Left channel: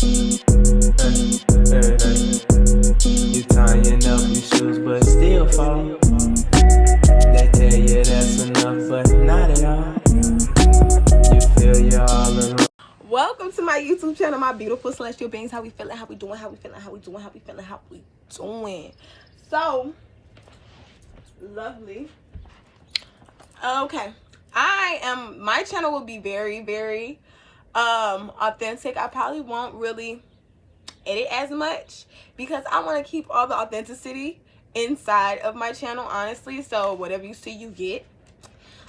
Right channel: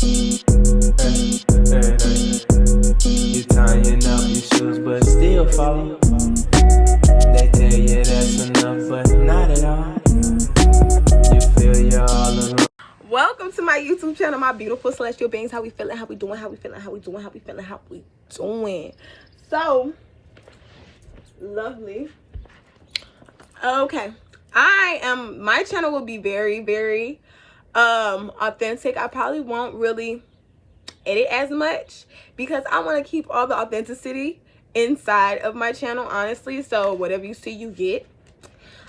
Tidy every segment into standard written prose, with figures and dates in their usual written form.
You tying up your shoes but still fall. They tell you that's enough but not at all. You feel you're all alone. Welcome to my YouTube channel, my beautiful celestial beings. How we feeling? How we doing? How we feeling? How we doing? How we feeling? How we doing? So lovely. Okay, my channel will be very authentic. I probably won't really edit as much because I want to keep all the authenticity inside of my channel, honestly. So whatever you see, you get.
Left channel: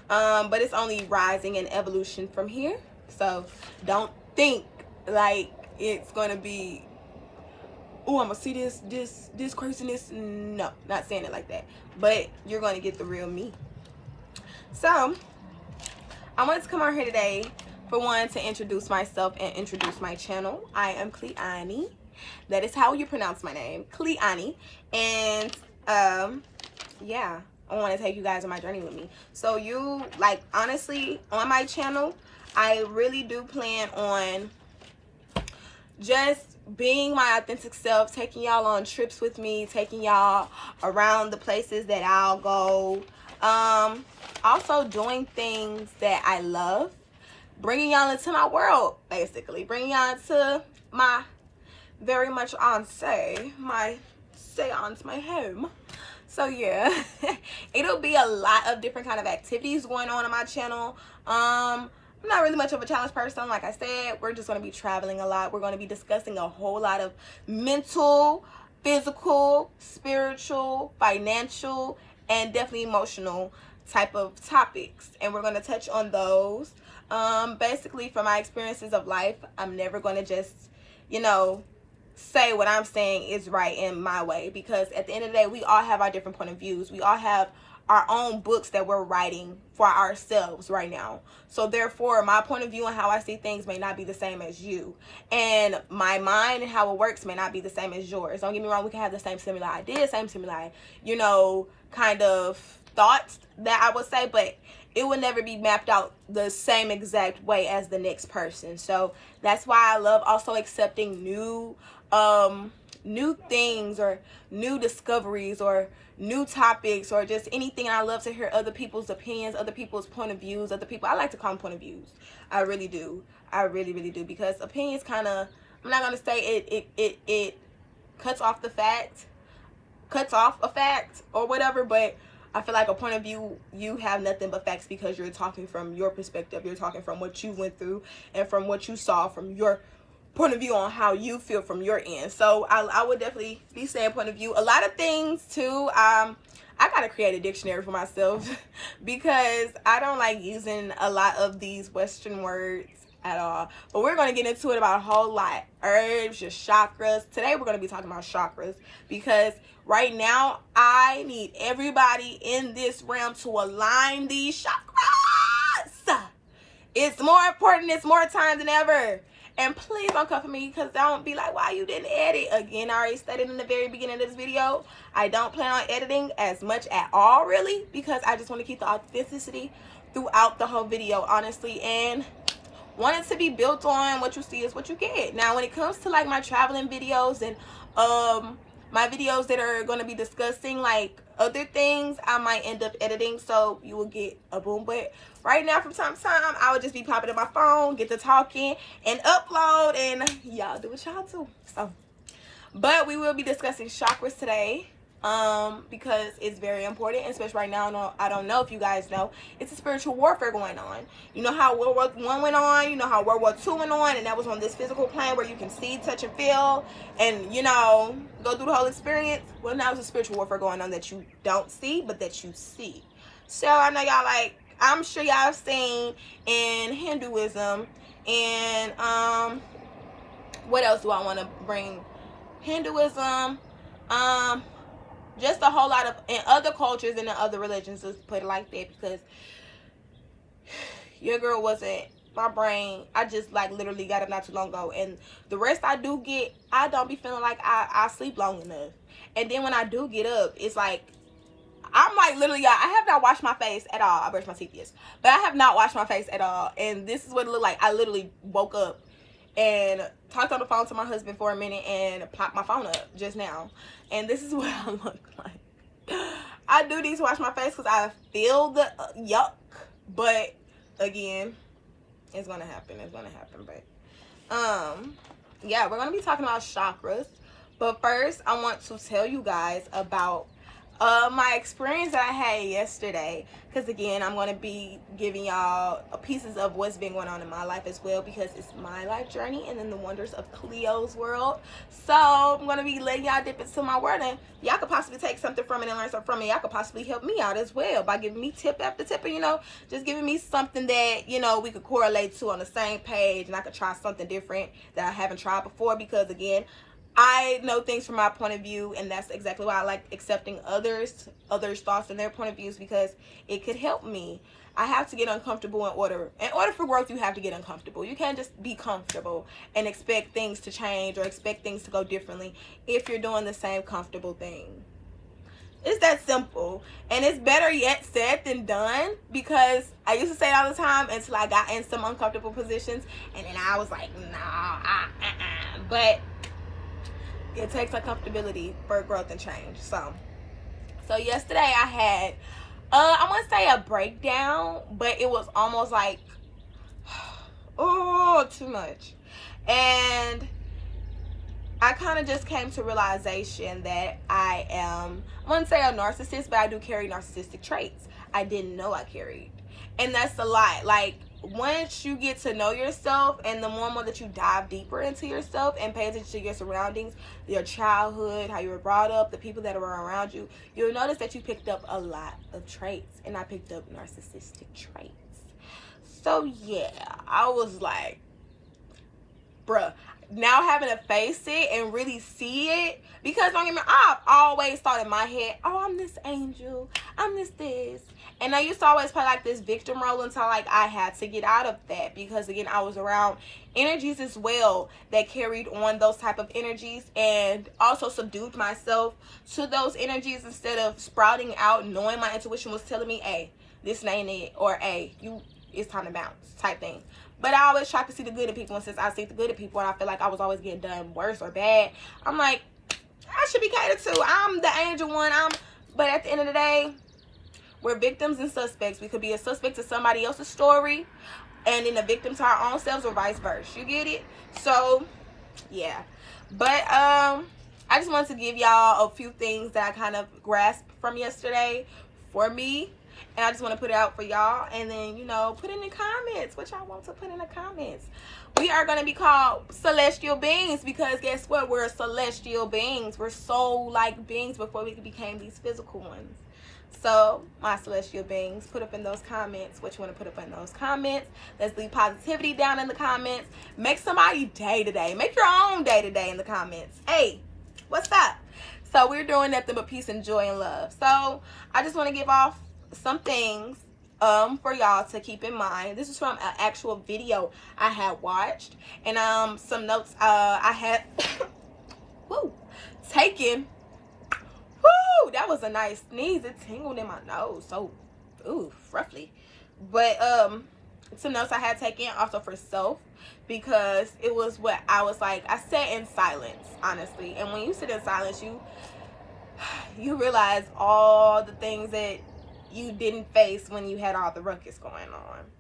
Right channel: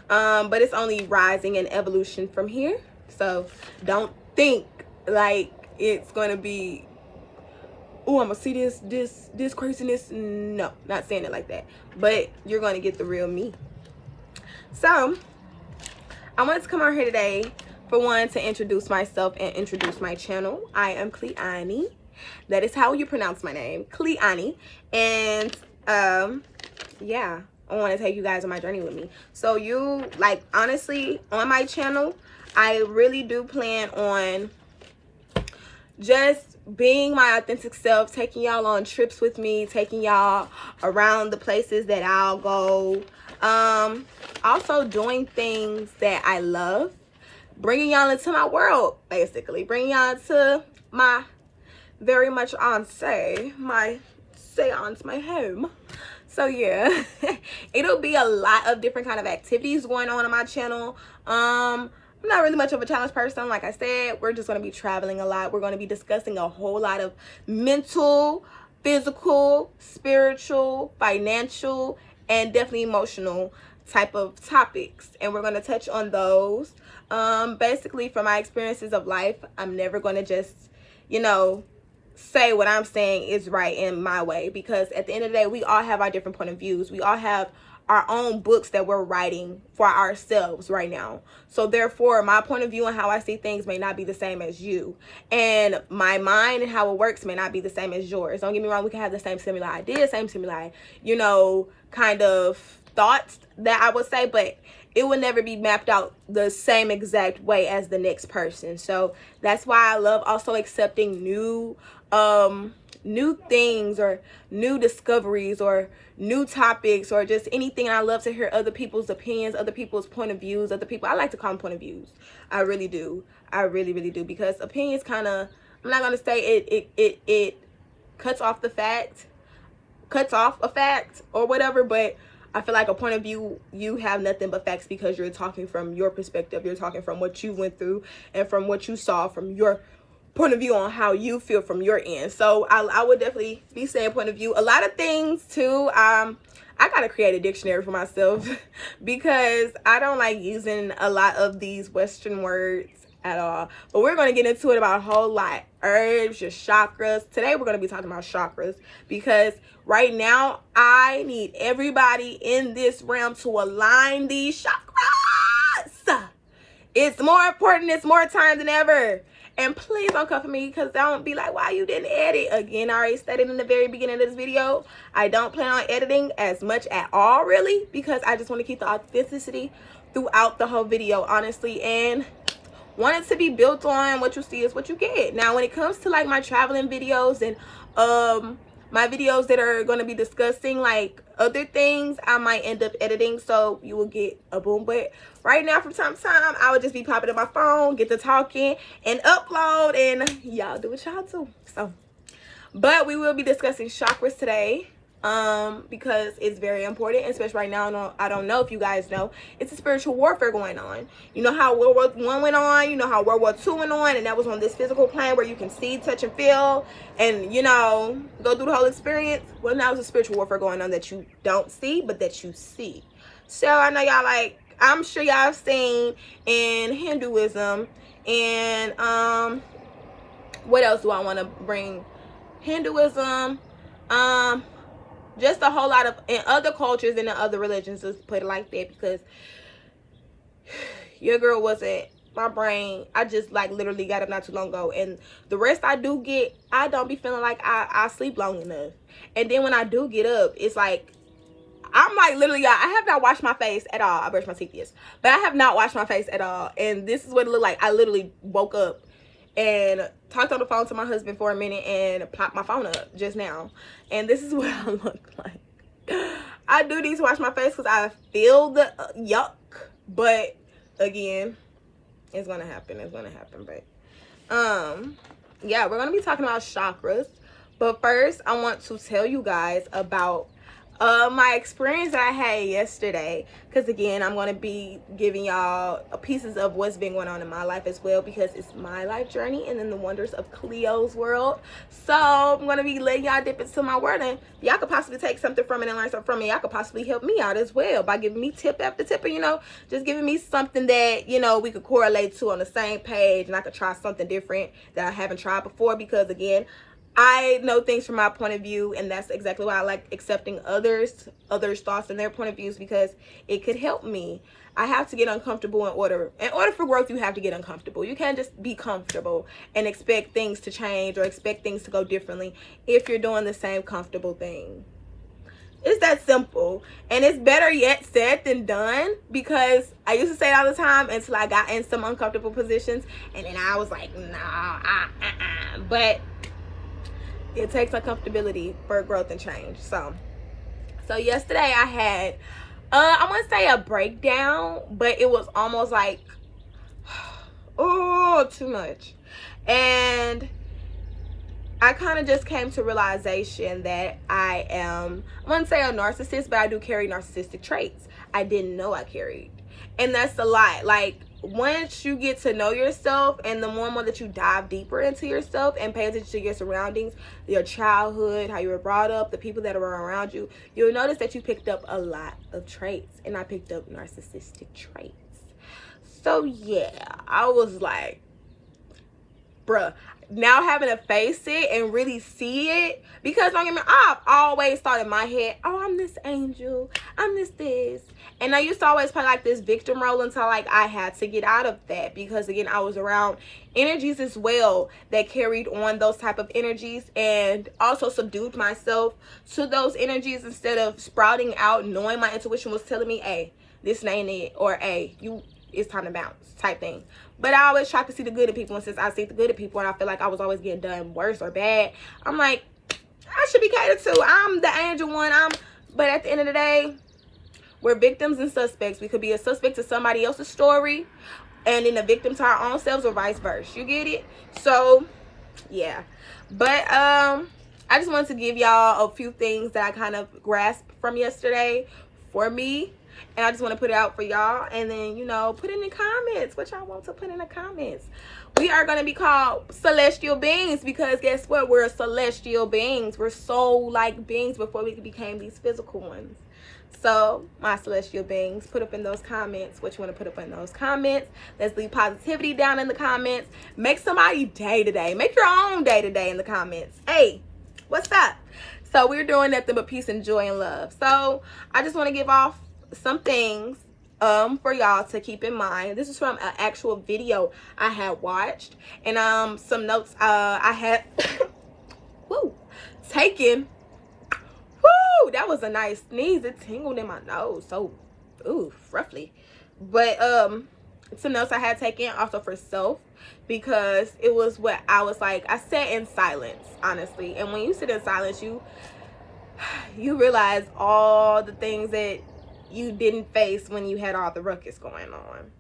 But it's only rising and evolution from here. So don't think like it's gonna be, oh, I'm gonna see this craziness. No, not saying it like that. But you're gonna get the real me. So I wanted to come on here today for one to introduce myself and introduce my channel. I am Cleonye. That is how you pronounce my name, Cleonye. And yeah, I want to take you guys on my journey with me. So you, like, honestly, on my channel, I really do plan on just being my authentic self, taking y'all on trips with me, taking y'all around the places that I'll go. Also doing things that I love, bringing y'all into my world, basically bringing y'all to my very much my seance, my home. So yeah, it'll be a lot of different kind of activities going on my channel. I'm not really much of a challenge person. Like I said, we're just going to be traveling a lot. We're going to be discussing a whole lot of mental, physical, spiritual, financial, and definitely emotional type of topics. And we're going to touch on those. Basically, from my experiences of life, I'm never going to just, say what I'm saying is right in my way, because at the end of the day, we all have our different point of views. We all have our own books that we're writing for ourselves right now. So therefore, my point of view and how I see things may not be the same as you, and my mind and how it works may not be the same as yours. Don't get me wrong, we can have the same similar ideas, same similar, kind of thoughts that I would say, but it will never be mapped out the same exact way as the next person. So that's why I love also accepting new things or new discoveries or new topics or just anything. I love to hear other people's opinions, other people's point of views, other people. I like to call them point of views. I really do. I really do, because opinions kind of, I'm not going to say it cuts off a fact or whatever, but I feel like a point of view, you have nothing but facts because you're talking from your perspective. You're talking from what you went through and from what you saw from your point of view on how you feel from your end. So I would definitely be saying point of view. A lot of things too. I gotta create a dictionary for myself because I don't like using a lot of these Western words at all. But we're going to get into it about a whole lot. Herbs, your chakras. Today we're going to be talking about chakras because right now I need everybody in this realm to align these chakras. It's more important. It's more time than ever. And please don't come for me, because don't be like, why you didn't edit. Again, I already stated in the very beginning of this video, I don't plan on editing as much at all, really, because I just want to keep the authenticity throughout the whole video, honestly. And want it to be built on what you see is what you get. Now, when it comes to like my traveling videos and my videos that are going to be discussing like other things, I might end up editing, so you will get a boom. But right now, from time to time, I would just be popping up my phone, get to talking and upload, and y'all do what y'all do. So, but we will be discussing chakras today. Because it's very important, especially right now. I don't know if you guys know, it's a spiritual warfare going on. You know how World War I went on, you know how World War II went on, and that was on this physical plane where you can see, touch, and feel, and go through the whole experience. Well, now there's a spiritual warfare going on that you don't see, but that you see. So I know y'all, like, I'm sure y'all have seen in Hinduism, and what else do I want to bring? Hinduism, just a whole lot of, in other cultures and in other religions, let's put it like that, because your girl wasn't, my brain, I just like literally got up not too long ago, and the rest I do get, I don't be feeling like I sleep long enough. And then when I do get up, it's like, I'm like literally, I have not washed my face at all. I brushed my teeth, yes, but I have not washed my face at all, and this is what it looked like. I literally woke up and talked on the phone to my husband for a minute and popped my phone up just now. And this is what I look like. I do need to wash my face because I feel the yuck. But again, it's gonna happen. It's gonna happen. But yeah, we're gonna be talking about chakras. But first, I want to tell you guys about my experience that I had yesterday, because again, I'm going to be giving y'all pieces of what's been going on in my life as well, because it's my life journey and then the wonders of Cleo's world. So I'm going to be letting y'all dip into my world, and y'all could possibly take something from it and learn something from it. Y'all could possibly help me out as well by giving me tip after tip, or, you know, just giving me something that, you know, we could correlate to on the same page, and I could try something different that I haven't tried before, because again, I know things from my point of view, and that's exactly why I like accepting others' thoughts and their point of views, because it could help me. I have to get uncomfortable in order for growth. You have to get uncomfortable. You can't just be comfortable and expect things to change or expect things to go differently if you're doing the same comfortable thing. It's that simple, and it's better yet said than done, because I used to say it all the time until I got in some uncomfortable positions, and then I was like, nah, but it takes uncomfortability for growth and change. So yesterday I had, I wouldn't say a breakdown, but it was almost like, oh, too much. And I kind of just came to realization that I wouldn't say a narcissist, but I do carry narcissistic traits I didn't know I carried. And that's a lot. Like, once you get to know yourself, and the more and more that you dive deeper into yourself and pay attention to your surroundings, your childhood, how you were brought up, the people that were around you, you'll notice that you picked up a lot of traits. And I picked up narcissistic traits. So yeah, I was like, bruh, now having to face it and really see it, because don't get me, I've always thought in my head, oh, I'm this angel, I'm this, and I used to always play like this victim role until like I had to get out of that, because again, I was around energies as well that carried on those type of energies, and also subdued myself to those energies instead of sprouting out, knowing my intuition was telling me, hey, this ain't it, or hey, it's time to bounce type thing. But I always try to see the good in people, and since I see the good in people and I feel like I was always getting done worse or bad, I'm like, I should be catered to. I'm the angel one. But at the end of the day, we're victims and suspects. We could be a suspect to somebody else's story and then a victim to our own selves, or vice versa. You get it? So yeah. But I just wanted to give y'all a few things that I kind of grasped from yesterday for me. And I just want to put it out for y'all. And then, you know, put in the comments what y'all want to put in the comments. We are going to be called celestial beings, because guess what? We're celestial beings. We're soul-like beings before we became these physical ones. So, my celestial beings, put up in those comments what you want to put up in those comments. Let's leave positivity down in the comments. Make somebody day today. Make your own day today in the comments. Hey, what's up? So, we're doing nothing but peace and joy and love. So, I just want to give off some things for y'all to keep in mind. This is from an actual video I had watched, and some notes I had taken. Woo, that was a nice sneeze. It tingled in my nose so roughly. But some notes I had taken also for self, because it was what I was like, I sat in silence, honestly. And when you sit in silence, you realize all the things that you didn't face when you had all the ruckus going on.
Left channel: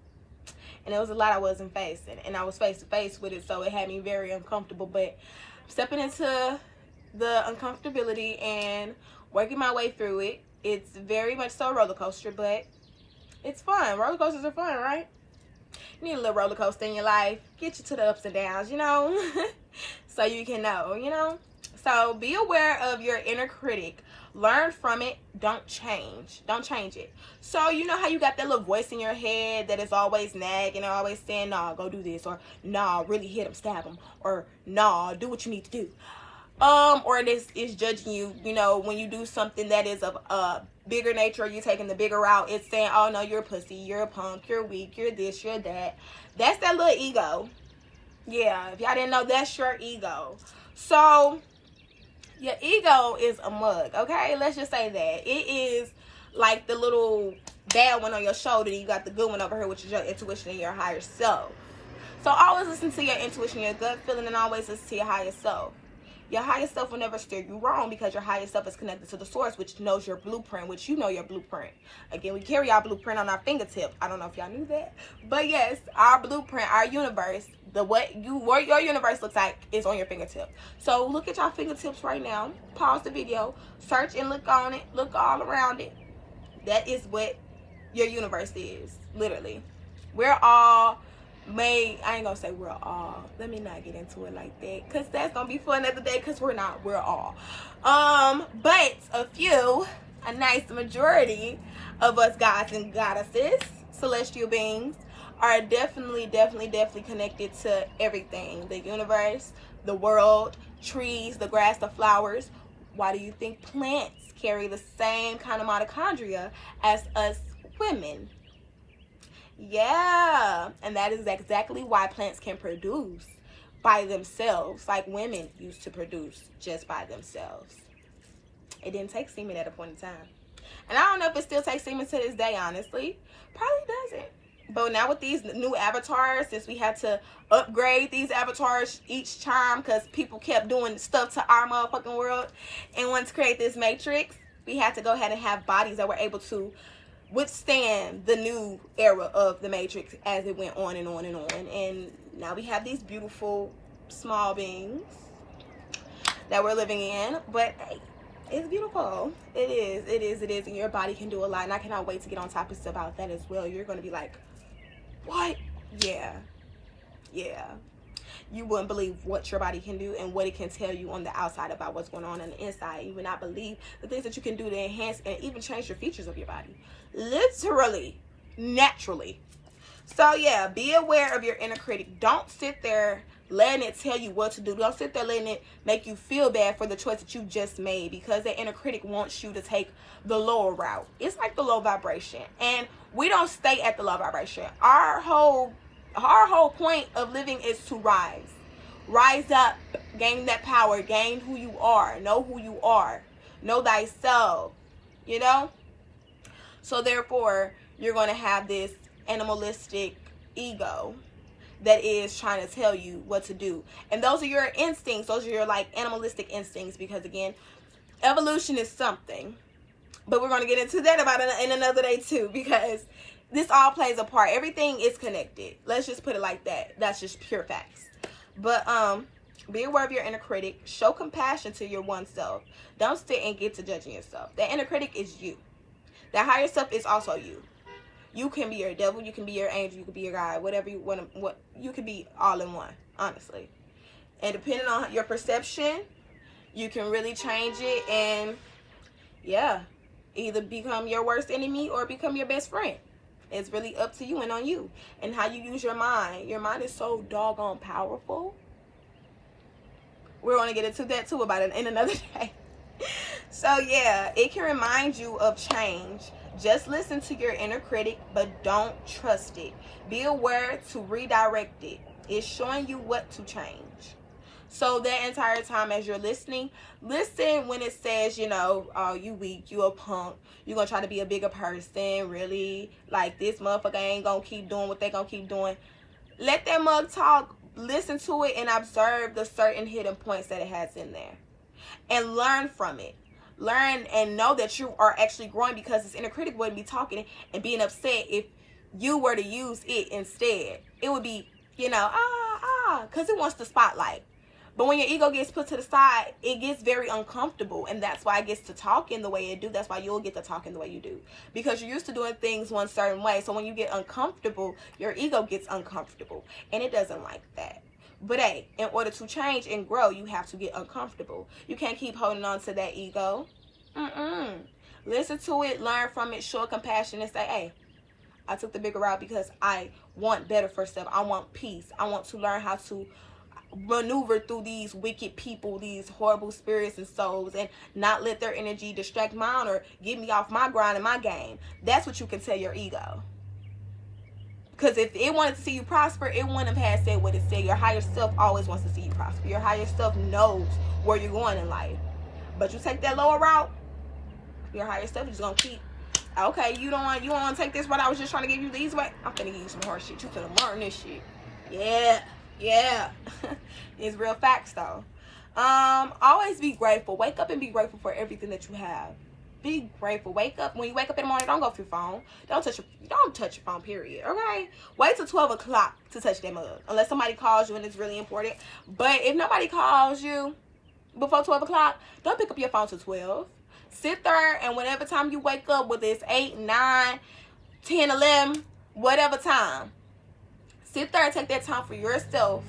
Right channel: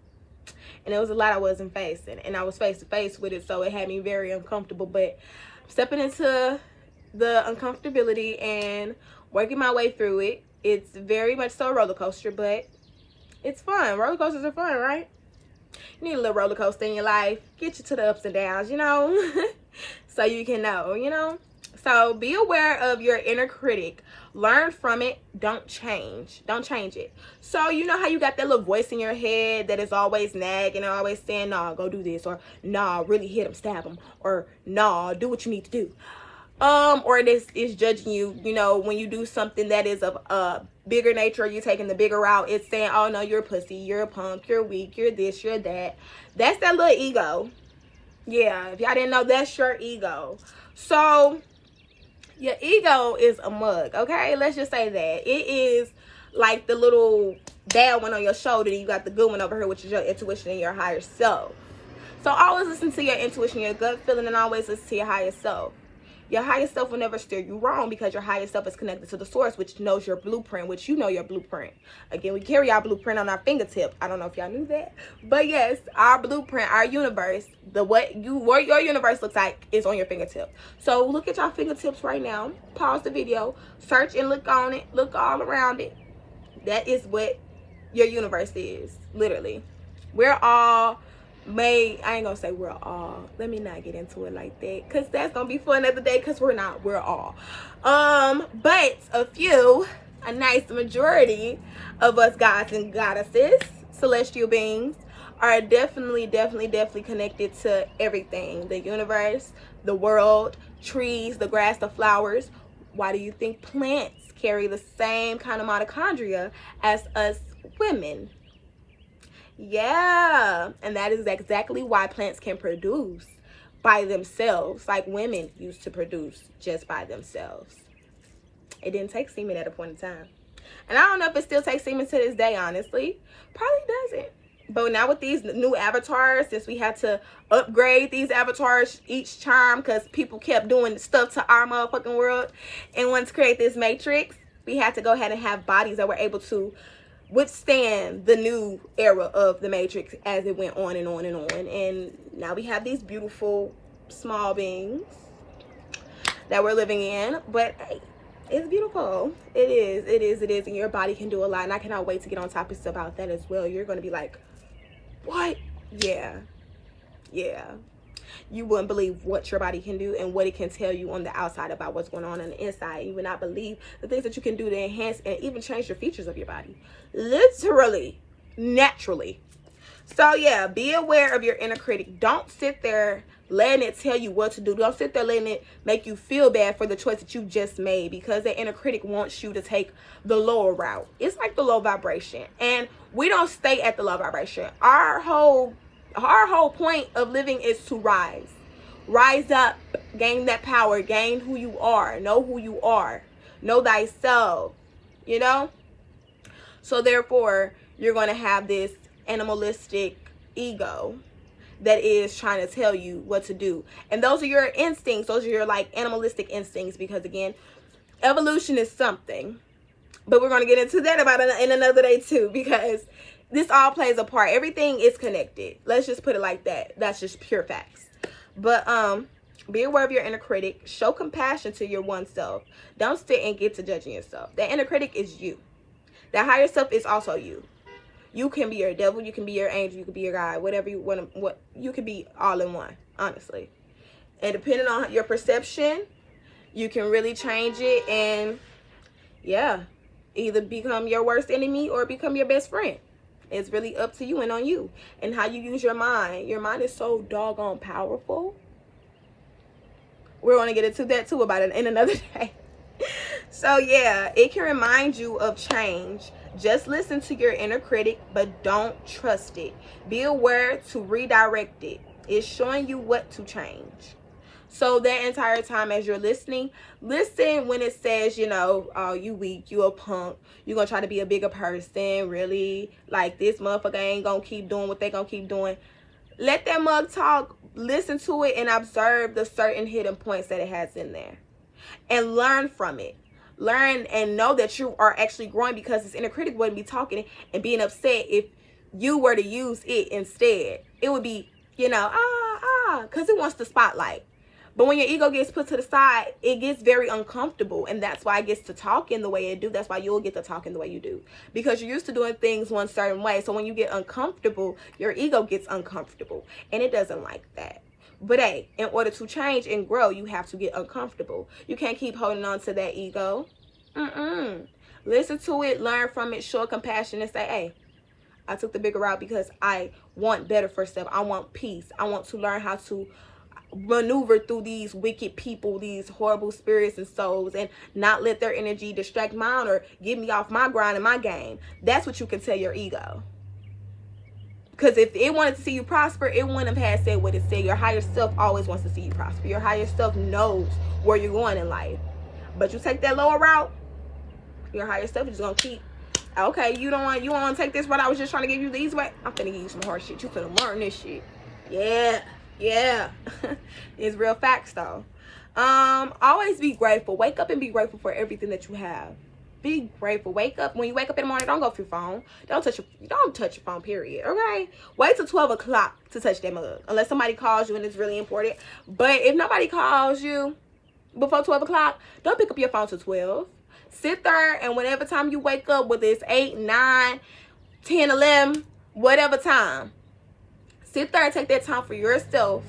And there was a lot I wasn't facing, and I was face to face with it, so it had me very uncomfortable. But stepping into the uncomfortability and working my way through it, it's very much so a roller coaster, but it's fun. Roller coasters are fun, right? You need a little roller coaster in your life, get you to the ups and downs, you know, so you can know, you know. So be aware of your inner critic. Learn from it. Don't change it. So you know how you got that little voice in your head that is always nagging, or always saying, nah, go do this, or nah, really hit him, stab him, or nah, do what you need to do. Or this is judging you, you know, when you do something that is of a bigger nature, you taking the bigger route. It's saying, oh no, you're a pussy, you're a punk, you're weak, you're this, you're that. That's that little ego. Yeah, if y'all didn't know, that's your ego. So your ego is a mug, okay? Let's just say that. It is like the little bad one on your shoulder, and you got the good one over here, which is your intuition and your higher self. So always listen to your intuition, your gut feeling, and always listen to your higher self. Your higher self will never steer you wrong because your higher self is connected to the source, which knows your blueprint, which you know your blueprint. Again, we carry our blueprint on our fingertip. I don't know if y'all knew that. But yes, our blueprint, our universe, what your universe looks like is on your fingertip. So look at your fingertips right now. Pause the video. Search and look on it. Look all around it. That is what your universe is. Literally. We're all made. I ain't gonna say we're all, let me not get into it like that, because that's gonna be for another day, because we're all but a nice majority of us gods and goddesses, celestial beings, are definitely connected to everything, the universe, the world, trees, the grass, the flowers. Why do you think plants carry the same kind of mitochondria as us women? Yeah, and that is exactly why plants can produce by themselves, like women used to produce just by themselves. It didn't take semen at a point in time. And I don't know if it still takes semen to this day, honestly. Probably doesn't. But now with these new avatars, since we had to upgrade these avatars each time because people kept doing stuff to our motherfucking world and wanted to create this matrix, we had to go ahead and have bodies that were able to withstand the new era of the matrix as it went on and on and on. And now we have these beautiful small beings that we're living in. But hey, it's beautiful. It is. And your body can do a lot. And I cannot wait to get on topics about that as well. You're going to be like, what? Yeah. You wouldn't believe what your body can do and what it can tell you on the outside about what's going on the inside. You would not believe the things that you can do to enhance and even change your features of your body. Literally, naturally. So yeah, be aware of your inner critic. Don't sit there letting it tell you what to do. Don't sit there letting it make you feel bad for the choice that you just made, because the inner critic wants you to take the lower route. It's like the low vibration, and we don't stay at the low vibration. Our whole point of living is to rise up, gain that power, gain who you are, know thyself, so therefore you're going to have this animalistic ego that is trying to tell you what to do. And those are your instincts. Those are your like animalistic instincts, because again, evolution is something, but we're going to get into that in another day too, because this all plays a part. Everything is connected. Let's just put it like that. That's just pure facts. But be aware of your inner critic. Show compassion to your oneself. Don't sit and get to judging yourself. That inner critic is you. That higher self is also you. You can be your devil, you can be your angel, you can be your God, whatever you want. What you can be all in one, honestly. And depending on your perception, you can really change it, and yeah, either become your worst enemy or become your best friend. It's really up to you and on you and how you use your mind. Your mind is so doggone powerful. We're going to get into that too about it in another day. So yeah, it can remind you of change. Just listen to your inner critic, but don't trust it. Be aware to redirect it. It's showing you what to change. So that entire time as you're listening, listen when it says, oh, you weak, you a punk, you're going to try to be a bigger person, really? Like, this motherfucker ain't going to keep doing what they going to keep doing. Let that mug talk, listen to it, and observe the certain hidden points that it has in there. And learn from it. Learn and know that you are actually growing, because this inner critic wouldn't be talking and being upset if you were to use it instead. It would be, because it wants the spotlight. But when your ego gets put to the side, it gets very uncomfortable. And that's why it gets to talk in the way it do. That's why you'll get to talk in the way you do. Because you're used to doing things one certain way. So when you get uncomfortable, your ego gets uncomfortable. And it doesn't like that. But hey, in order to change and grow, you have to get uncomfortable. You can't keep holding on to that ego. Listen to it, learn from it, show compassion, and say, hey, I took the bigger route because I want better for self. I want peace. I want to learn how to maneuver through these wicked people, these horrible spirits and souls, and not let their energy distract mine or get me off my grind and my game. That's what you can tell your ego. Because if it wanted to see you prosper, it wouldn't have said what it said. Your higher self always wants to see you prosper. Your higher self knows where you're going in life. But you take that lower route, your higher self is going to keep, okay, you don't want to take this route. I was just trying to give you these way. I'm finna give you some hard shit. You finna learn this shit. Yeah. It's real facts though. Always be grateful. Wake up and be grateful for everything that you have. Be grateful. Wake up. When you wake up in the morning, don't go through your phone. Don't touch your phone, period. Okay? Wait till 12 o'clock to touch that mug. Unless somebody calls you and it's really important. But if nobody calls you before 12 o'clock, don't pick up your phone till 12. Sit there, and whatever time you wake up, whether it's 8, 9, 10, 11, whatever time, sit there and take that time for yourself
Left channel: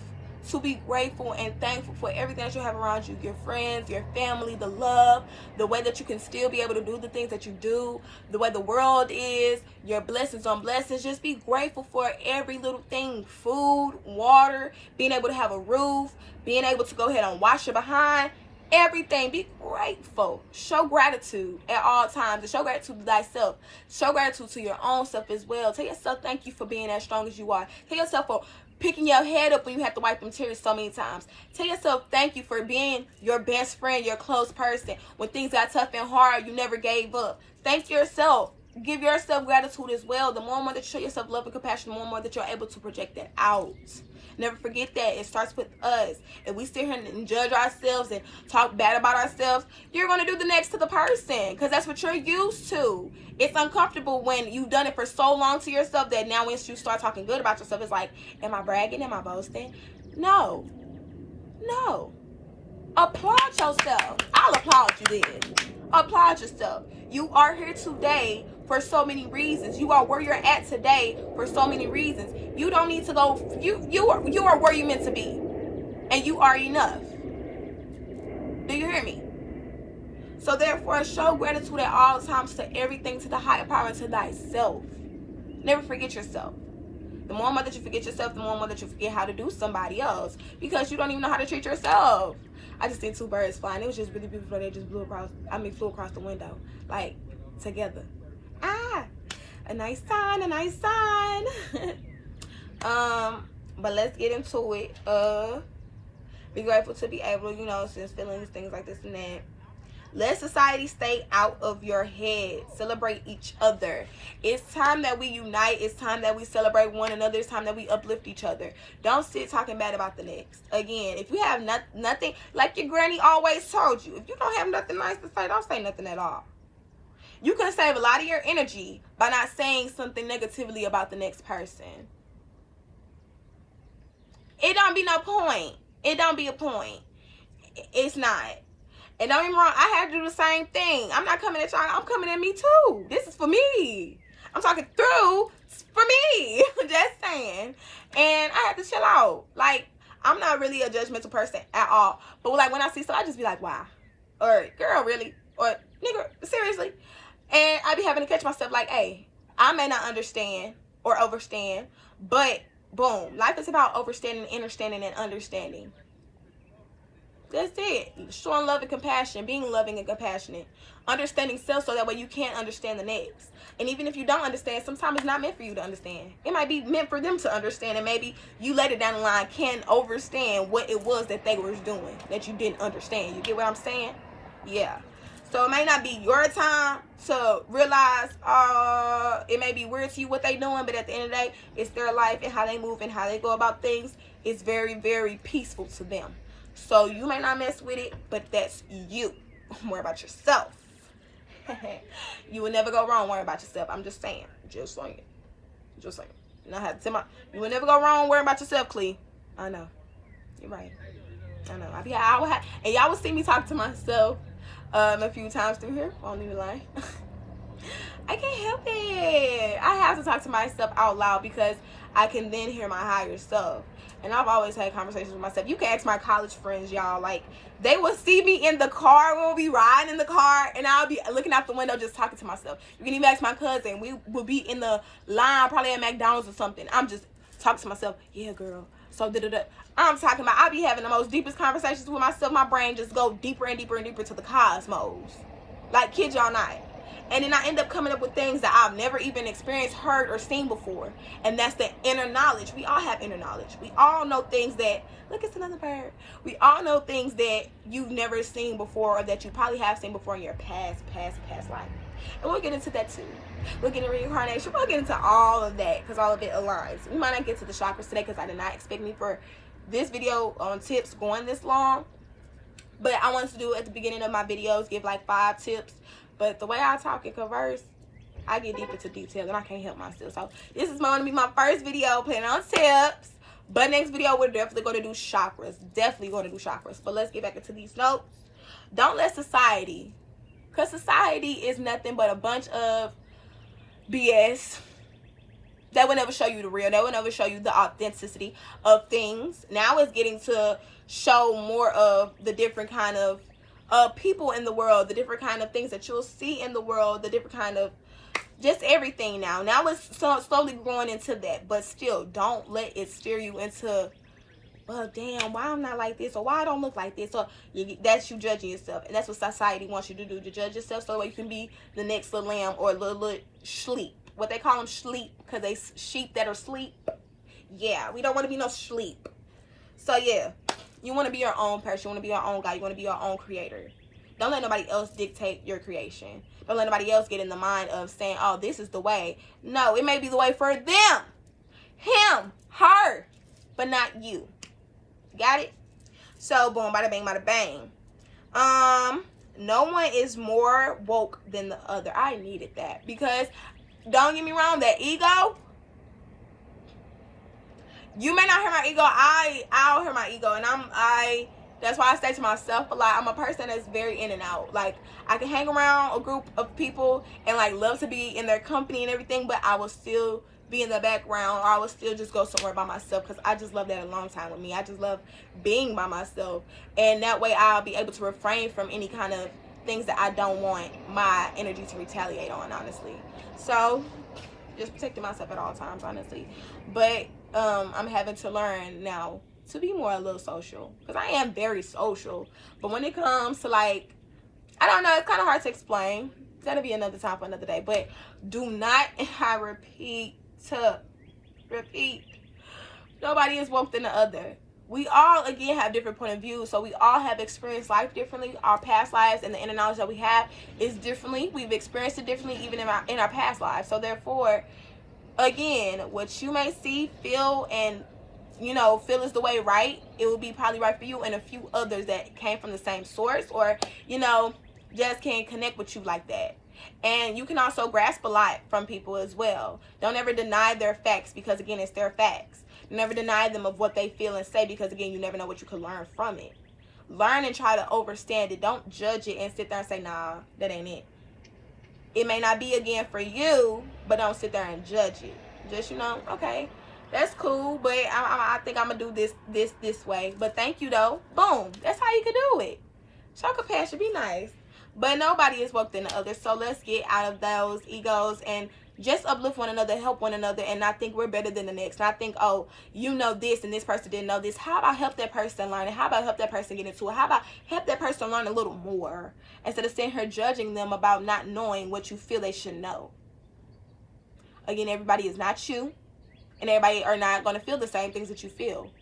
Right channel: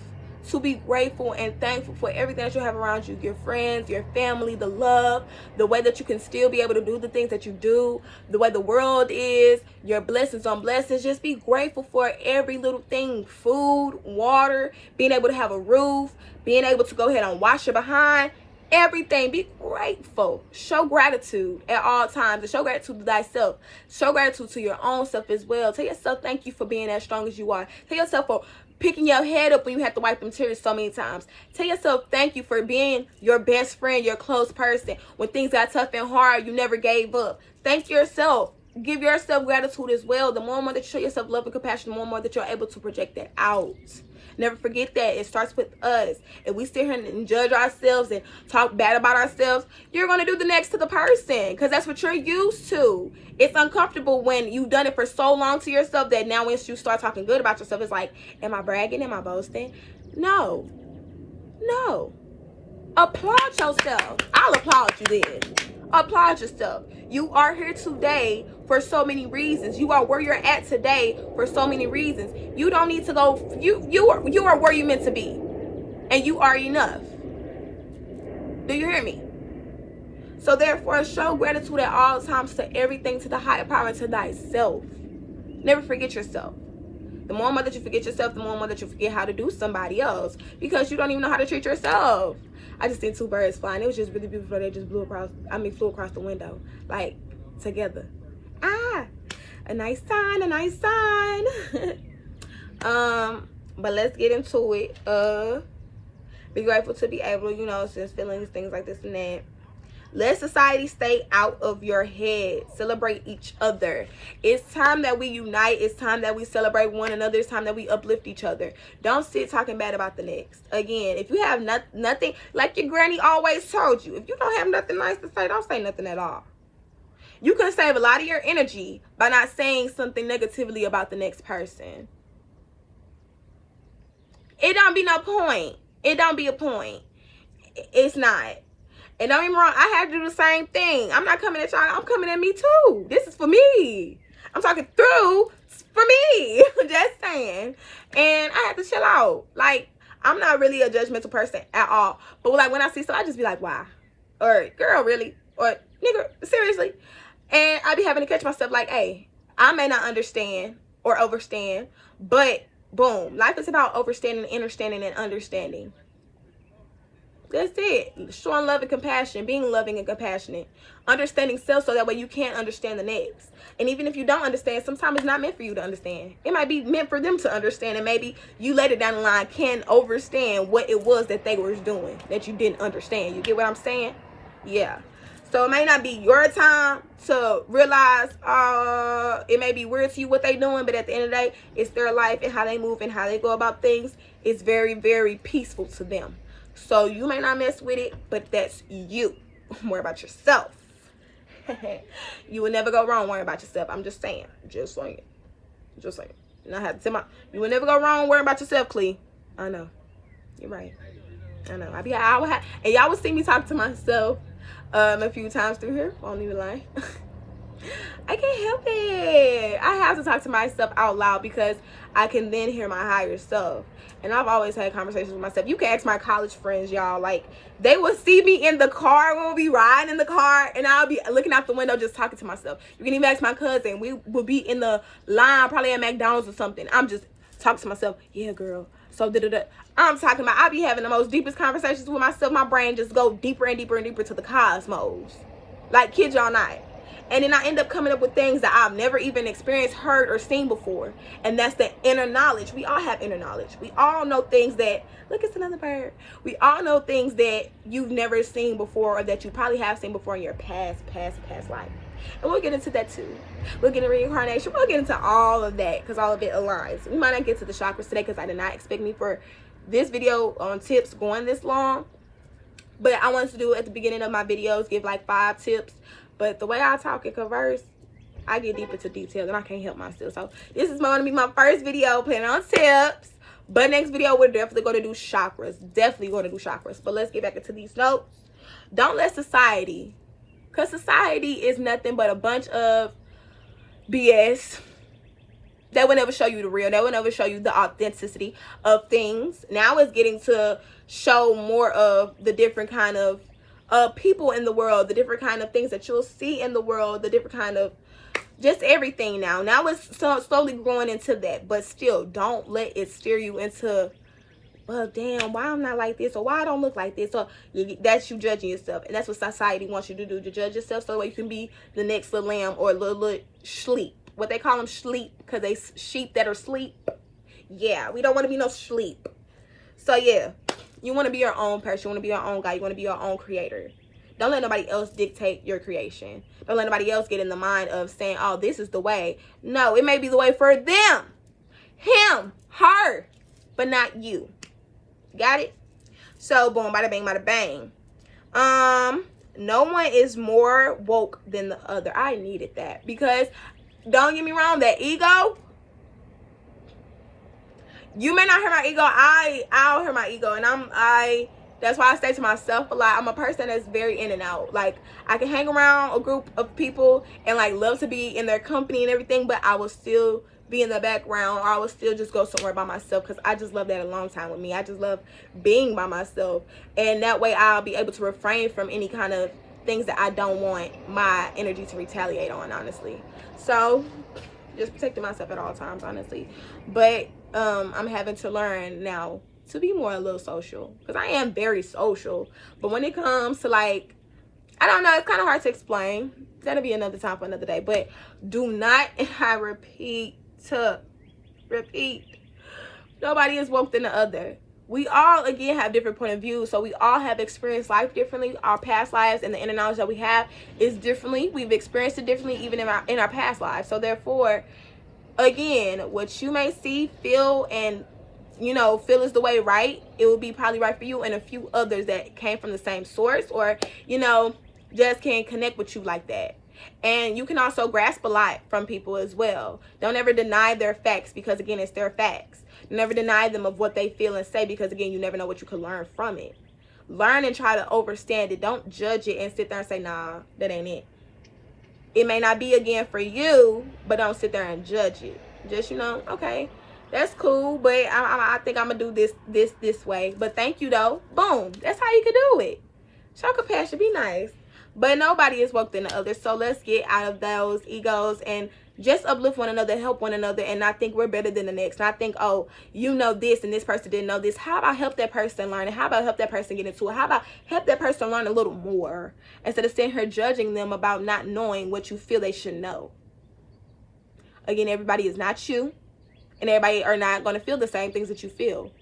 to be grateful and thankful for everything that you have around you, your friends, your family, the love, the way that you can still be able to do the things that you do, the way the world is, your blessings on blessings. Just be grateful for every little thing: food, water, being able to have a roof, being able to go ahead and wash your behind. Everything. Be grateful. Show gratitude at all times, and show gratitude to thyself. Show gratitude to your own self as well. Tell yourself thank you for being as strong as you are. Tell yourself for picking your head up when you have to wipe them tears so many times. Tell yourself thank you for being your best friend, your close person. When things got tough and hard, you never gave up. Thank yourself. Give yourself gratitude as well. The more and more that you show yourself love and compassion, the more and more that you're able to project that out. Never forget that. It starts with us. If we sit here and judge ourselves and talk bad about ourselves, you're going to do the next to the person, because that's what you're used to. It's uncomfortable when you've done it for so long to yourself that now once you start talking good about yourself, it's like, am I bragging? Am I boasting? No. Applaud yourself. I'll applaud you then. Applaud yourself. You are here today for so many reasons. You are where you're at today for so many reasons. You don't need to go. You are where you're meant to be, and you are enough. Do you hear me? So therefore, show gratitude at all times to everything, to the higher power, and to thyself. Never forget yourself. The more and more that you forget yourself, the more and more that you forget how to do somebody else, because you don't even know how to treat yourself. I just seen two birds flying. It was just really beautiful. They just flew across the window, like, together. A nice sign. But let's get into it. Be grateful to be able to, sense feelings, things like this and that. Let society stay out of your head. Celebrate each other. It's time that we unite. It's time that we celebrate one another. It's time that we uplift each other. Don't sit talking bad about the next. Again, if you have nothing, like your granny always told you, if you don't have nothing nice to say, don't say nothing at all. You can save a lot of your energy by not saying something negatively about the next person. It don't be no point. It don't be a point. It's not. And don't get me wrong, I had to do the same thing. I'm not coming at y'all. I'm coming at me too. This is for me. I'm talking through for me. Just saying. And I had to chill out. Like, I'm not really a judgmental person at all. But like when I see stuff, I just be like, why? Or, girl, really? Or, nigga, seriously? And I be having to catch myself like, hey, I may not understand or overstand, but boom, life is about overstanding, understanding, and understanding. That's it. Showing love and compassion, being loving and compassionate, understanding self so that way you can't understand the next. And even if you don't understand, sometimes it's not meant for you to understand. It might be meant for them to understand, and maybe you later down the line can understand what it was that they were doing that you didn't understand. You get what I'm saying? Yeah. So it may not be your time to realize, it may be weird to you what they doing, but at the end of the day, it's their life and how they move and how they go about things. It's very, very peaceful to them. So you may not mess with it, but that's you. Worry about yourself. You will never go wrong worrying about yourself. I'm just saying. Just saying. You know, I have to tell you will never go wrong worrying about yourself, Clee. I know. You're right. I know. And y'all will see me talk to myself a few times through here. Won't even lie. I can't help it. I have to talk to myself out loud because I can then hear my higher self. And I've always had conversations with myself. You can ask my college friends, y'all. Like, they will see me in the car. We'll be riding in the car, and I'll be looking out the window just talking to myself. You can even ask my cousin. We will be in the line, probably at McDonald's or something. I'm just talking to myself. Yeah, girl. So, I'm talking about, I be having the most deepest conversations with myself. My brain just go deeper and deeper and deeper to the cosmos. Like, kid y'all not. And then I end up coming up with things that I've never even experienced, heard, or seen before. And that's the inner knowledge. We all have inner knowledge. We all know things that, look, it's another bird. We all know things that you've never seen before, or that you probably have seen before in your past life. And we'll get into that too. We'll get into reincarnation. We'll get into all of that because all of it aligns. We might not get to the chakras today because I did not expect me for this video on tips going this long. But I wanted to do at the beginning of my videos, give like 5 tips. But the way I talk and converse, I get deep into details and I can't help myself. So this is going to be my first video planning on tips. But next video, we're definitely going to do chakras. Definitely going to do chakras. But let's get back into these notes. Don't let society, because society is nothing but a bunch of BS. They will never show you the real. They will never show you the authenticity of things. Now it's getting to show more of the different kind of people in the world, the different kind of things that you'll see in the world, the different kind of just everything now. Now it's slowly growing into that, but still don't let it steer you into, well, damn, why I'm not like this, or why I don't look like this, or that's you judging yourself. And that's what society wants you to do, to judge yourself so that you can be the next little lamb or little sleep. What they call them, sleep, because they sheep that are sleep. Yeah, we don't want to be no sleep. So yeah, you want to be your own person. You want to be your own guy. You want to be your own creator. Don't let nobody else dictate your creation. Don't let nobody else get in the mind of saying, oh, this is the way. No, it may be the way for them, him, her, but not you. Got it? So boom, bada bang, bada bang. No one is more woke than the other. I needed that because don't get me wrong, that ego, you may not hear my ego. I'll hear my ego, and that's why I say to myself a lot, I'm a person that's very in and out. Like, I can hang around a group of people and like love to be in their company and everything, but I will still be in the background, or I will still just go somewhere by myself because I just love that alone time with me. I just love being by myself, and that way I'll be able to refrain from any kind of things that I don't want my energy to retaliate on, honestly. So just protecting myself at all times, honestly. But I'm having to learn now to be more a little social, because I am very social, but when it comes to like, I don't know, it's kind of hard to explain. That'll be another time for another day. But do not, I repeat, nobody is woke than the other. We all, again, have different point of views, so we all have experienced life differently. Our past lives and the inner knowledge that we have is differently. We've experienced it differently even in our past lives. So therefore, again, what you may see, feel, and feel is the way right, it will be probably right for you and a few others that came from the same source, or just can't connect with you like that. And you can also grasp a lot from people as well. Don't ever deny their facts, because again, it's their facts. Never deny them of what they feel and say, because again, you never know what you can learn from it. Learn and try to understand it. Don't judge it and sit there and say, nah, that ain't it. It may not be again for you, but don't sit there and judge it. Just, okay, that's cool, but I think I'm gonna do this way. But thank you though. Boom. That's how you can do it. Show compassion, be nice. But nobody is woke than the other. So let's get out of those egos and just uplift one another, help one another, and not think we're better than the next. Not think, oh, you know this and this person didn't know this. How about help that person learn? And how about help that person get into it? How about help that person learn a little more, instead of sitting here judging them about not knowing what you feel they should know. Again, everybody is not you, and everybody are not going to feel the same things that you feel.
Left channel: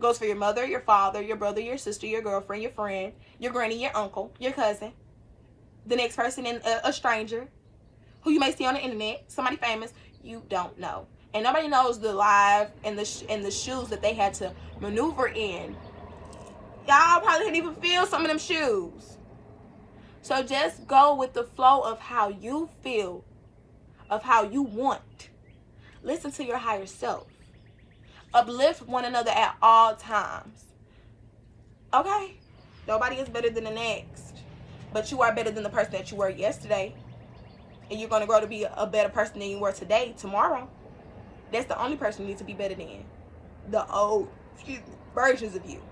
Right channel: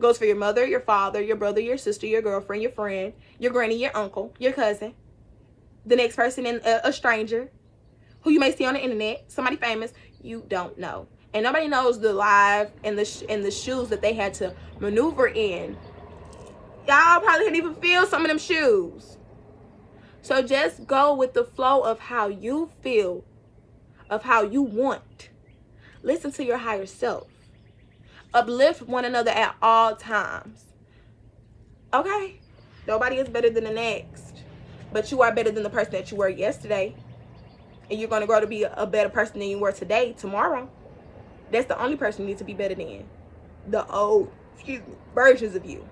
Goes for your mother, your father, your brother, your sister, your girlfriend, your friend, your granny, your uncle, your cousin, the next person, in a stranger who you may see on the internet, somebody famous. You don't know, and nobody knows the life and the shoes that they had to maneuver in. Y'all probably didn't even feel some of them shoes. So just go with the flow of how you feel, of how you want. Listen to your higher self. Uplift one another at all times. Okay? Nobody is better than the next, but you are better than the person that you were yesterday. And you're going to grow to be a better person than you were today, tomorrow. That's the only person you need to be better than. The old, versions of you.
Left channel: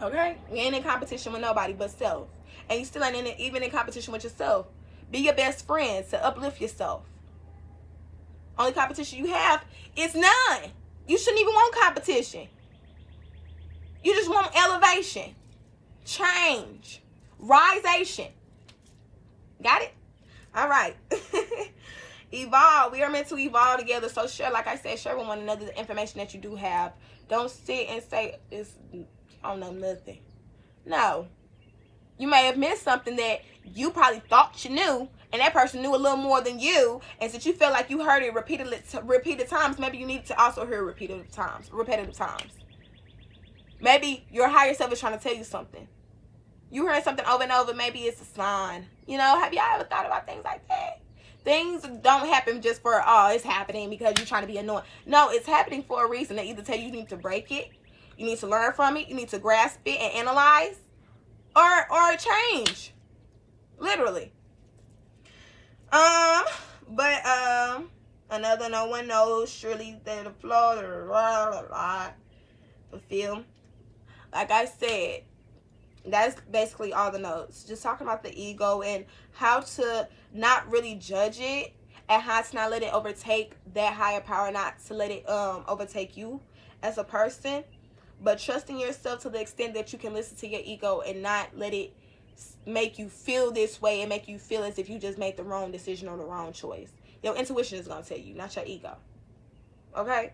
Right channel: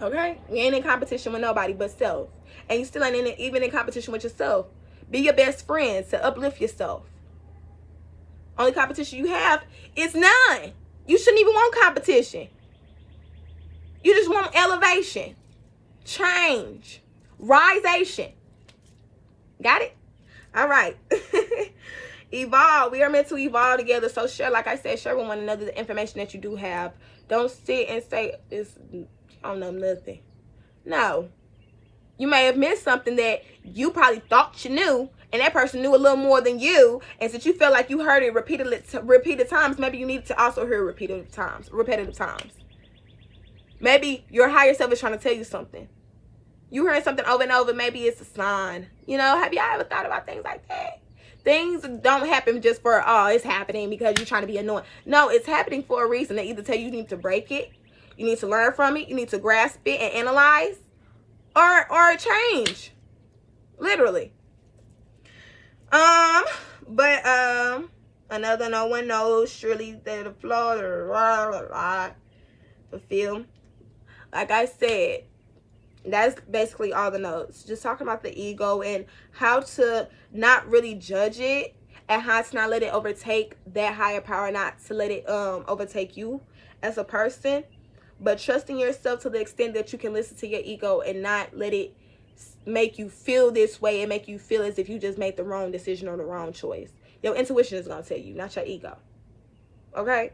Okay? You ain't in competition with nobody but self. And you still ain't even in competition with yourself. Be your best friend to uplift yourself. Only competition you have is none. You shouldn't even want competition. You just want elevation, change, risation. Got it? All right. Evolve. We are meant to evolve together. So share, like I said, share with one another the information that you do have. Don't sit and say, I don't know nothing. No. You may have missed something that you probably thought you knew, and that person knew a little more than you. And since you felt like you heard it repeated times, maybe you need to also hear repetitive times. Maybe your higher self is trying to tell you something. You heard something over and over. Maybe it's a sign. You know, have y'all ever thought about things like that? Things don't happen just for, oh, it's happening because you're trying to be annoying. No, it's happening for a reason. They either tell you need to break it, you need to learn from it, you need to grasp it and analyze, or change. Literally. But another no one knows surely that the floor the film. Like I said, that's basically all the notes. Just talking about the ego and how to not really judge it, and how to not let it overtake that higher power, not to let it overtake you as a person, but trusting yourself to the extent that you can listen to your ego and not let it make you feel this way and make you feel as if you just made the wrong decision or the wrong choice. Your intuition is going to tell you, not your ego. Okay?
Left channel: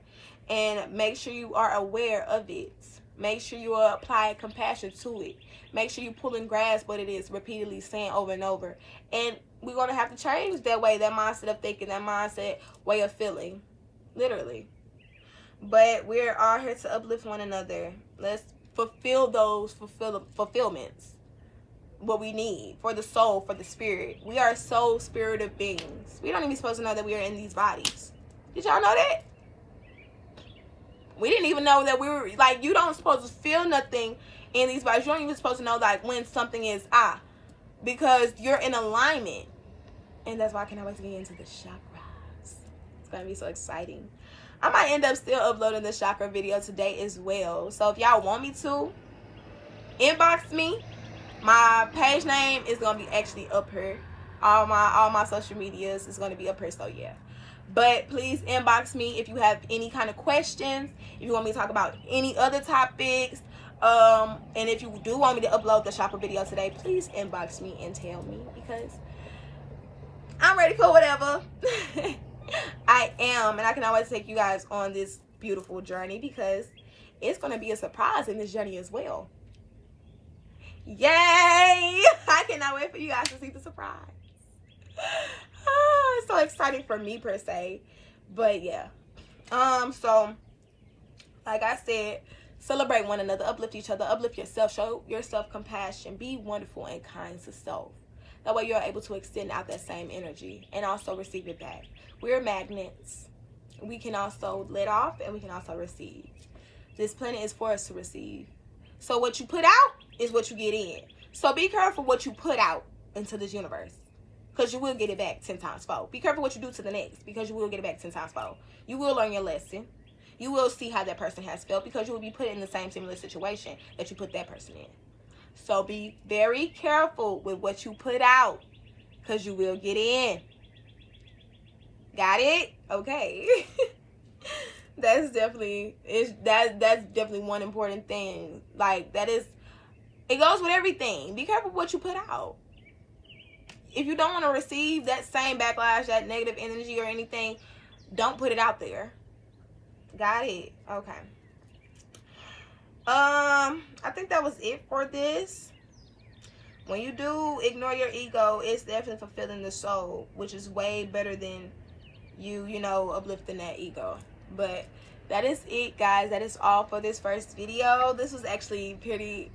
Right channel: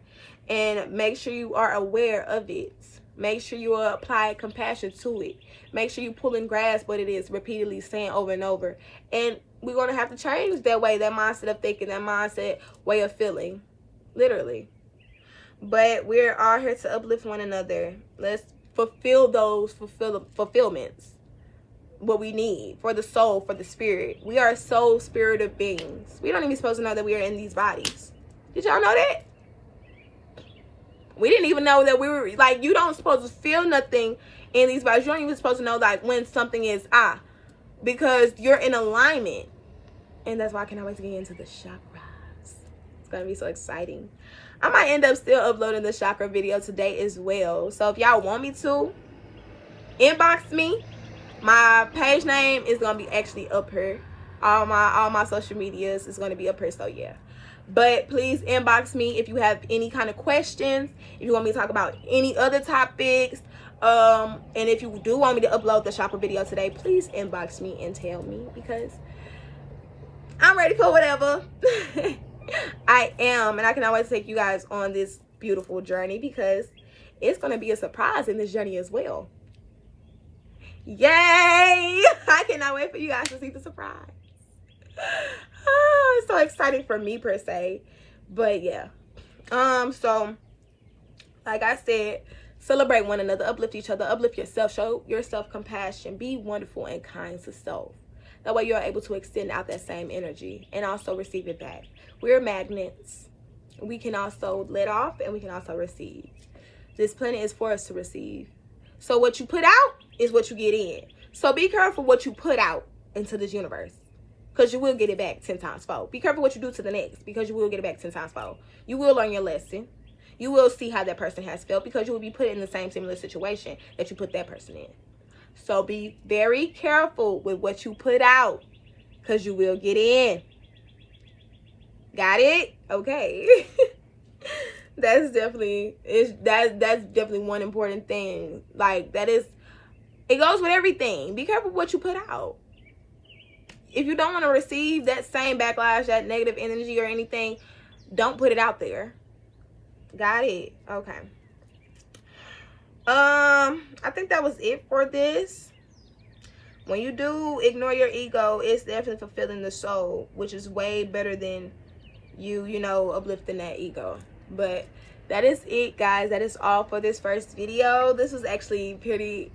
And make sure you are aware of it. Make sure you apply compassion to it. Make sure you pull and grasp what it is repeatedly saying over and over. And we're going to have to change that way, that mindset of thinking, that mindset way of feeling. Literally. But we're all here to uplift one another. Let's fulfill those fulfillments. What we need for the soul, for the spirit. We are soul spirited beings. We don't even supposed to know that we are in these bodies. Did y'all know that? We didn't even know that we were, like, you don't supposed to feel nothing in these bodies. You don't even supposed to know, like, when something is because you're in alignment. And that's why I cannot wait to get into the chakras. It's gonna be so exciting. I might end up still uploading the chakra video today as well. So if y'all want me to, inbox me. My page name is gonna be actually up here. All my social medias is gonna be up here. So yeah. But please inbox me if you have any kind of questions, if you want me to talk about any other topics, and if you do want me to upload the chakra video today, please inbox me and tell me, because I'm ready for whatever. I am, and I can always take you guys on this beautiful journey, because it's going to be a surprise in this journey as well. Yay! I cannot wait for you guys to see the surprise. Oh, it's so exciting for me per se. But yeah. So like I said, celebrate one another, uplift each other, uplift yourself, show yourself compassion, be wonderful and kind to self. That way you're able to extend out that same energy and also receive it back. We're magnets. We can also let off and we can also receive. This planet is for us to receive. So what you put out is what you get in. So be careful what you put out into this universe, because you will get it back 10 times fold. Be careful what you do to the next, because you will get it back 10 times fold. You will learn your lesson. You will see how that person has felt, because you will be put in the same similar situation that you put that person in. So be very careful with what you put out, because you will get in. Got it? Okay. That's definitely one important thing. Like, it goes with everything. Be careful what you put out. If you don't want to receive that same backlash, that negative energy or anything, don't put it out there. Got it? Okay. I think that was it for this. When you do ignore your ego, it's definitely fulfilling the soul, which is way better than you know, uplifting that ego. But that is it, guys. That is all for this first video. This was actually pretty...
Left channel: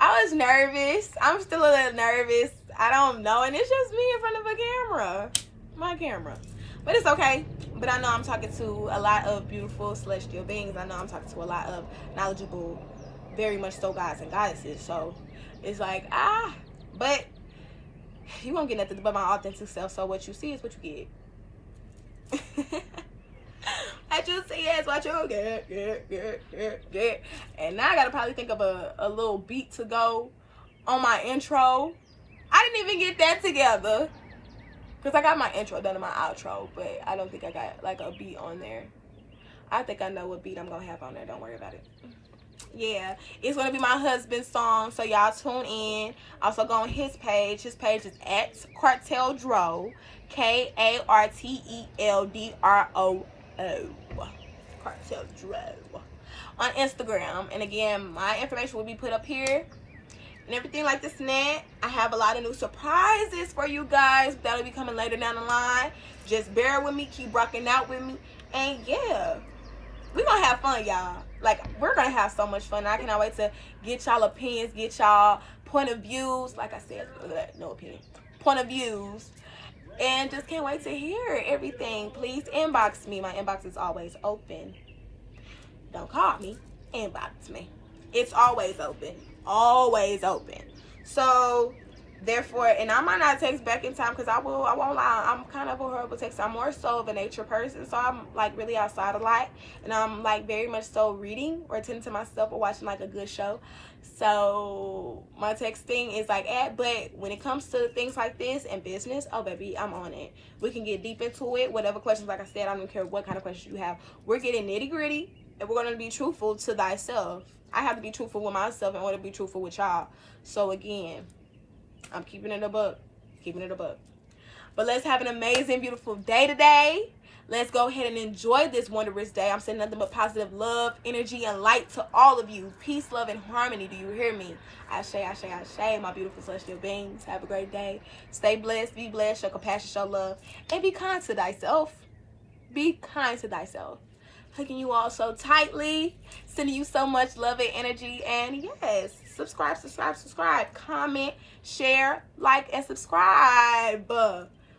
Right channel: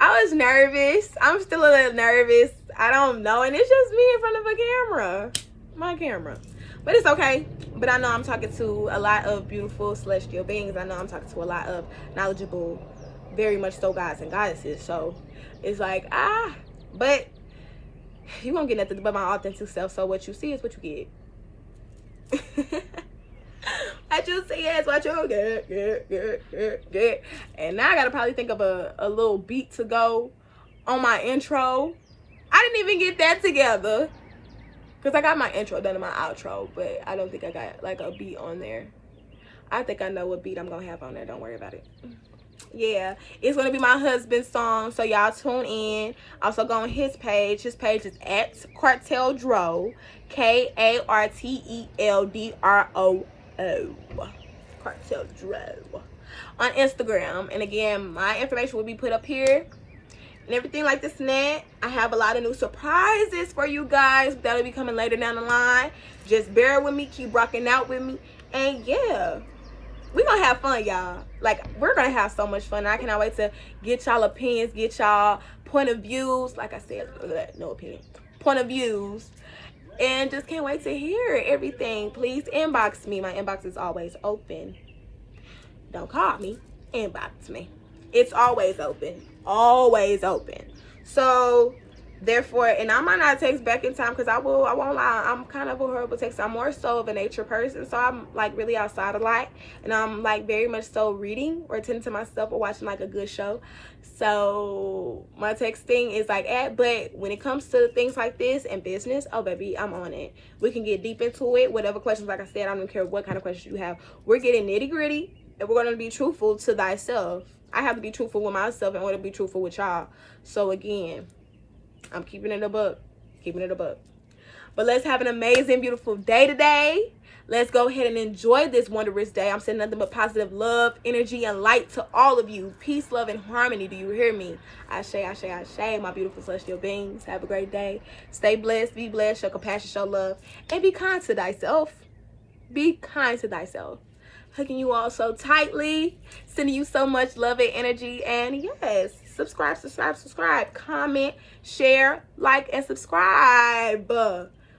I was nervous. I'm still a little nervous. I don't know. And it's just me in front of a camera. My camera. But it's okay. But I know I'm talking to a lot of beautiful celestial beings. I know I'm talking to a lot of knowledgeable, very much so, gods and goddesses. So it's like, but you won't get nothing but my authentic self. So what you see is what you get. What you see is what you get. And now I gotta probably think of a little beat to go on my intro. I didn't even get that together, because I got my intro done and my outro, but I don't think I got like a beat on there. I think I know what beat I'm gonna have on there. Don't worry about it. Yeah, it's gonna be my husband's song, so y'all tune in. Also go on his page. His page is at Carteldro, KARTELDROO, Carteldro, on Instagram. And again, my information will be put up here and everything like this and that. I have a lot of new surprises for you guys that'll be coming later down the line. Just bear with me, keep rocking out with me, and yeah, we're gonna have fun, y'all. Like, we're gonna have so much fun. I cannot wait to get y'all opinions, get y'all point of views. Like I said, no opinion, point of views, and just can't wait to hear everything. Please inbox me. My inbox is always open. Don't call me, inbox me. It's always open, always open. So therefore, and I might not text back in time, because I won't lie, I'm kind of a horrible texter. I'm more so of a nature person, so I'm like really outside a lot, and I'm like very much so reading or attending to myself or watching like a good show. So my texting is like but when it comes to things like this and business, oh baby, I'm on it. We can get deep into it. Whatever questions, like I said, I don't care what kind of questions you have. We're getting nitty gritty, and we're gonna be truthful to thyself. I have to be truthful with myself in order to be truthful with y'all. So again, I'm keeping it a buck. Keeping it a buck. But let's have an amazing, beautiful day today. Let's go ahead and enjoy this wondrous day. I'm sending nothing but positive love, energy, and light to all of you. Peace, love, and harmony. Do you hear me? Ashe, ashe, ashe. My beautiful celestial beings. Have a great day. Stay blessed. Be blessed. Show compassion. Show love. And be kind to thyself. Be kind to thyself. Hugging you all so tightly, sending you so much love and energy, and yes, subscribe, comment, share, like, and subscribe.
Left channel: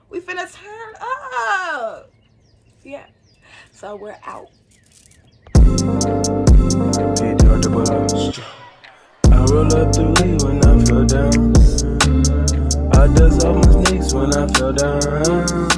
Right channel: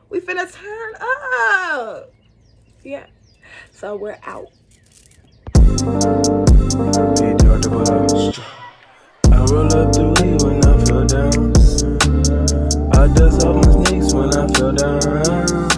We finna turn up. Yeah, so we're out. I roll up the weed when I feel down. I dust off my sneaks when I feel down.